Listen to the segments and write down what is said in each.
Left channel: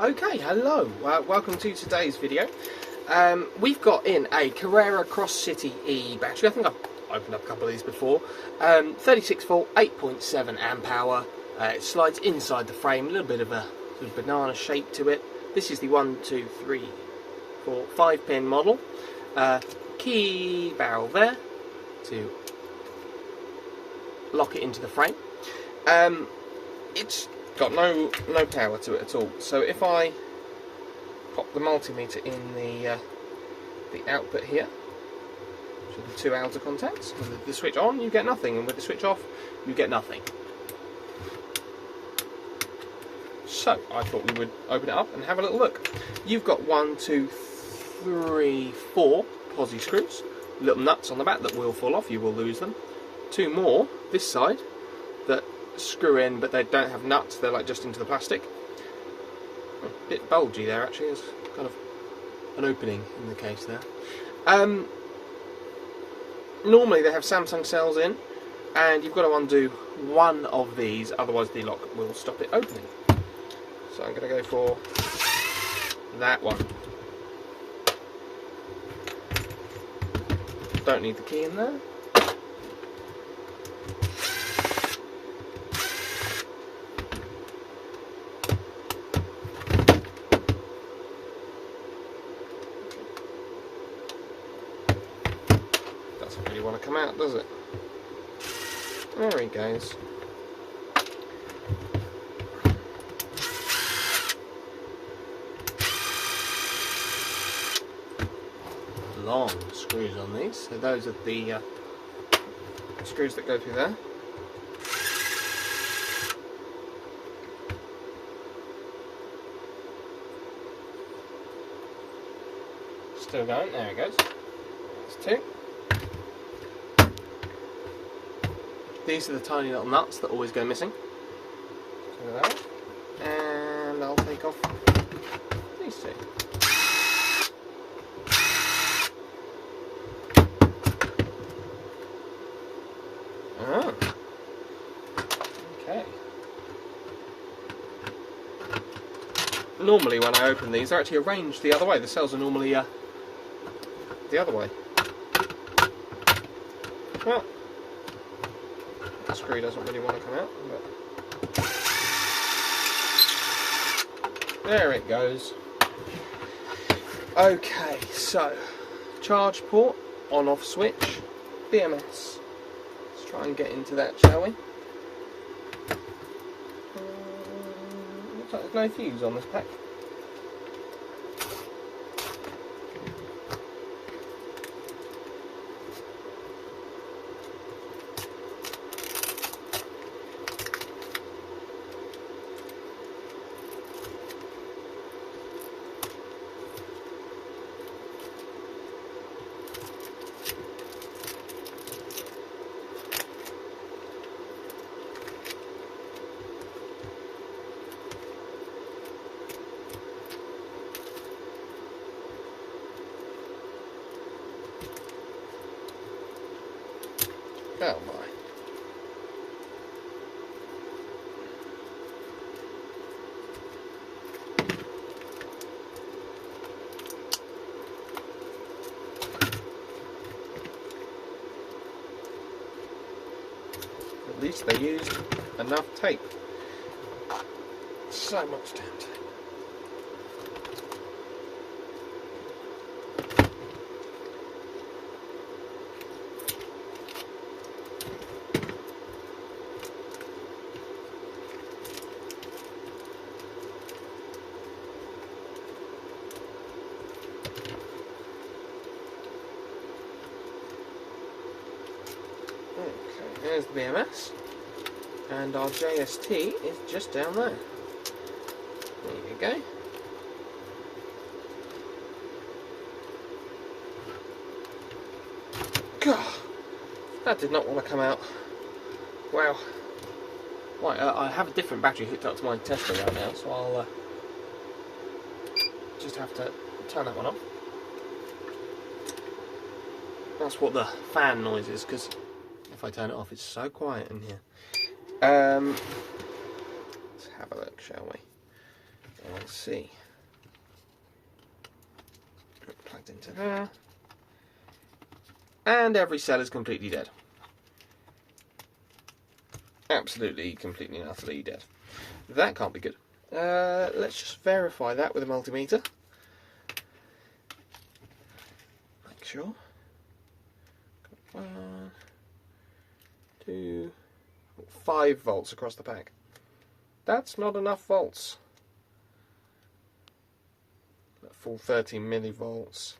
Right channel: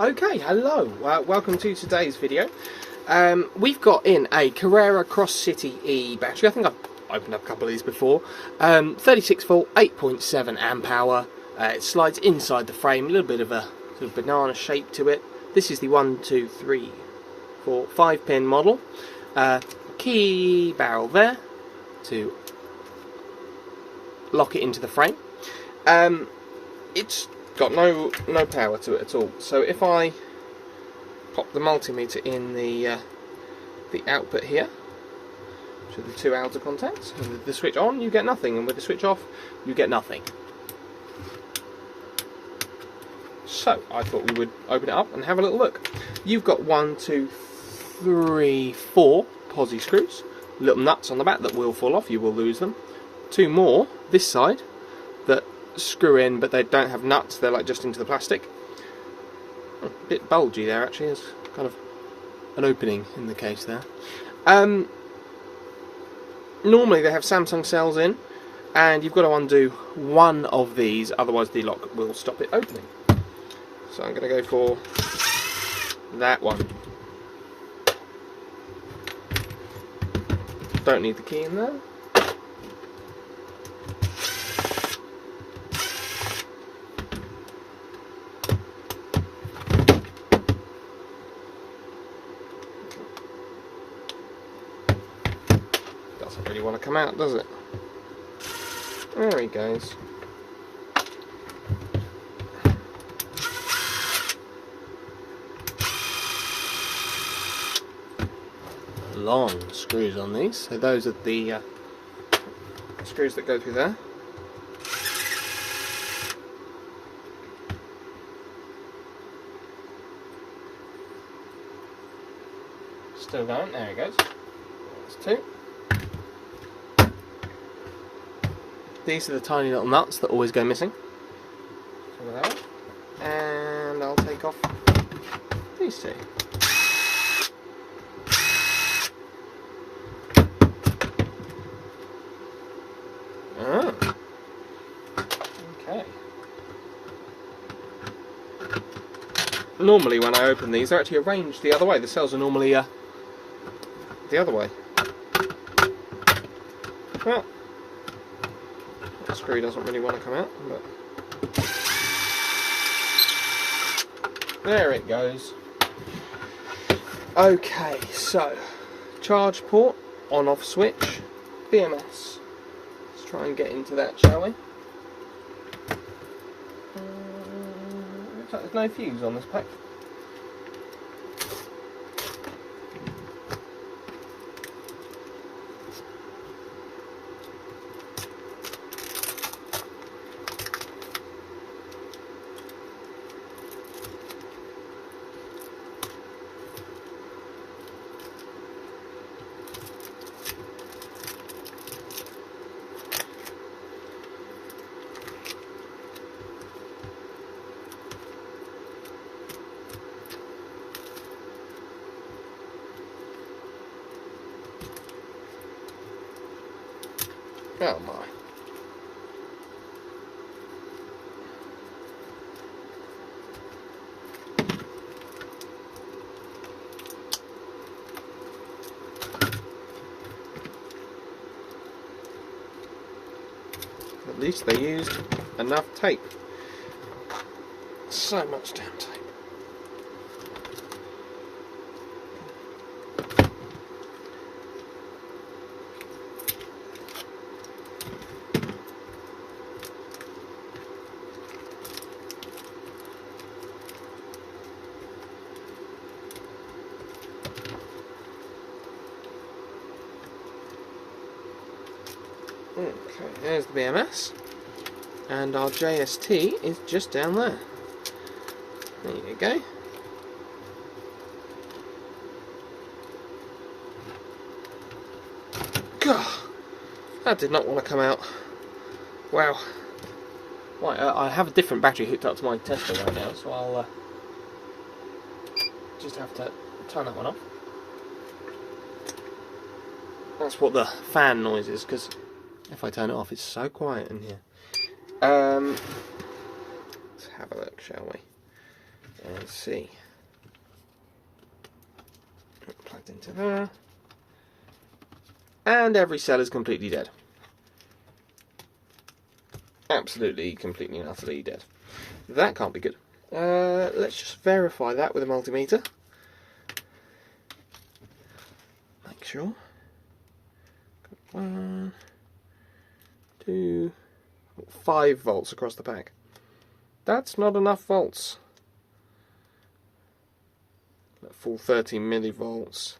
Okay, hello, welcome to today's video. We've got in a Carrera Crosscity E battery. I think I've opened up a couple of these before. 36 volt, 8.7 amp hour. It slides inside the frame, a little bit of a sort of banana shape to it. This is the 5 pin model. Key barrel there to lock it into the frame. It's got no power to it at all. So if I pop the multimeter in the output here, to the two outer contacts, and with the switch on you get nothing, and with the switch off you get nothing. So I thought we would open it up and have a little look. You've got 1, 2, 3, 4 posi screws, little nuts on the back that will fall off, you will lose them. 2 more this side that screw in, but they don't have nuts, they're like just into the plastic. Oh, a bit bulgy there actually, there's kind of an opening in the case there. Normally they have Samsung cells in, and you've got to undo one of these, otherwise the lock will stop it opening. So I'm going to go for that one. Don't need the key in there. Doesn't really want to come out, does it? There he goes. Long screws on these, so those are the screws that go through there. Still going, there it goes. That's 2. These are the tiny little nuts that always go missing. So that one. And I'll take off these 2. Oh. Okay. Normally when I open these, they're actually arranged the other way. The cells are normally the other way. Well, the screw doesn't really want to come out, but there it goes. Okay, so charge port, on-off switch, BMS. Let's try and get into that, shall we? Looks like there's no fuse on this pack. Oh my. At least they used enough tape. So much damn tape. So there's the BMS, and our JST is just down there. There you go. God, that did not want to come out. Wow. Right, I have a different battery hooked up to my tester right now, so I'll just have to turn that one off. That's what the fan noise is, because if I turn it off, it's so quiet in here. Let's have a look, shall we? Let's see. Plugged into there. And every cell is completely dead. Absolutely, completely and utterly dead. That can't be good. Let's just verify that with a multimeter. Make sure. 1, 2, 5 volts across the pack. That's not enough volts. Full 13 millivolts.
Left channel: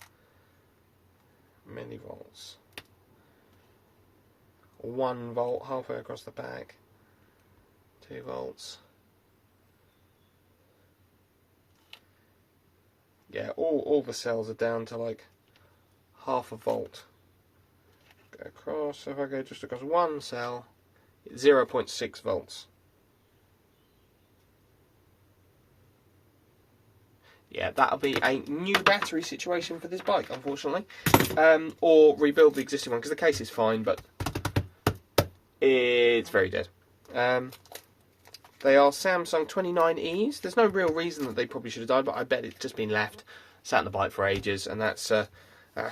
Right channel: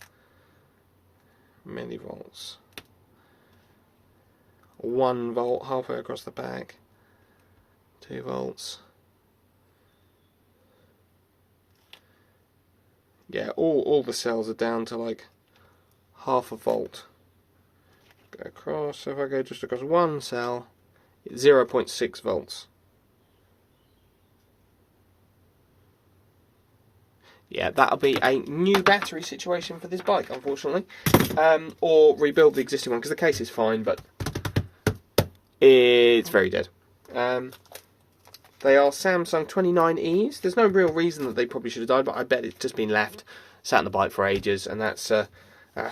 1 volt halfway across the pack. 2 volts. Yeah, all the cells are down to like half a volt. Go across, so if I go just across one cell, it's 0.6 volts. Yeah, that'll be a new battery situation for this bike, unfortunately. Or rebuild the existing one, because the case is fine, but it's very dead. They are Samsung 29Es. There's no real reason that they probably should have died, but I bet it's just been left, sat on the bike for ages, and that's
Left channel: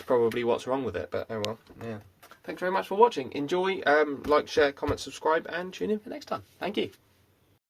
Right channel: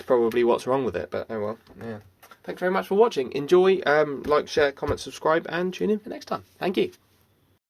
probably what's wrong with it. But oh well, yeah. Thanks very much for watching. Enjoy, like, share, comment, subscribe, and tune in for next time. Thank you.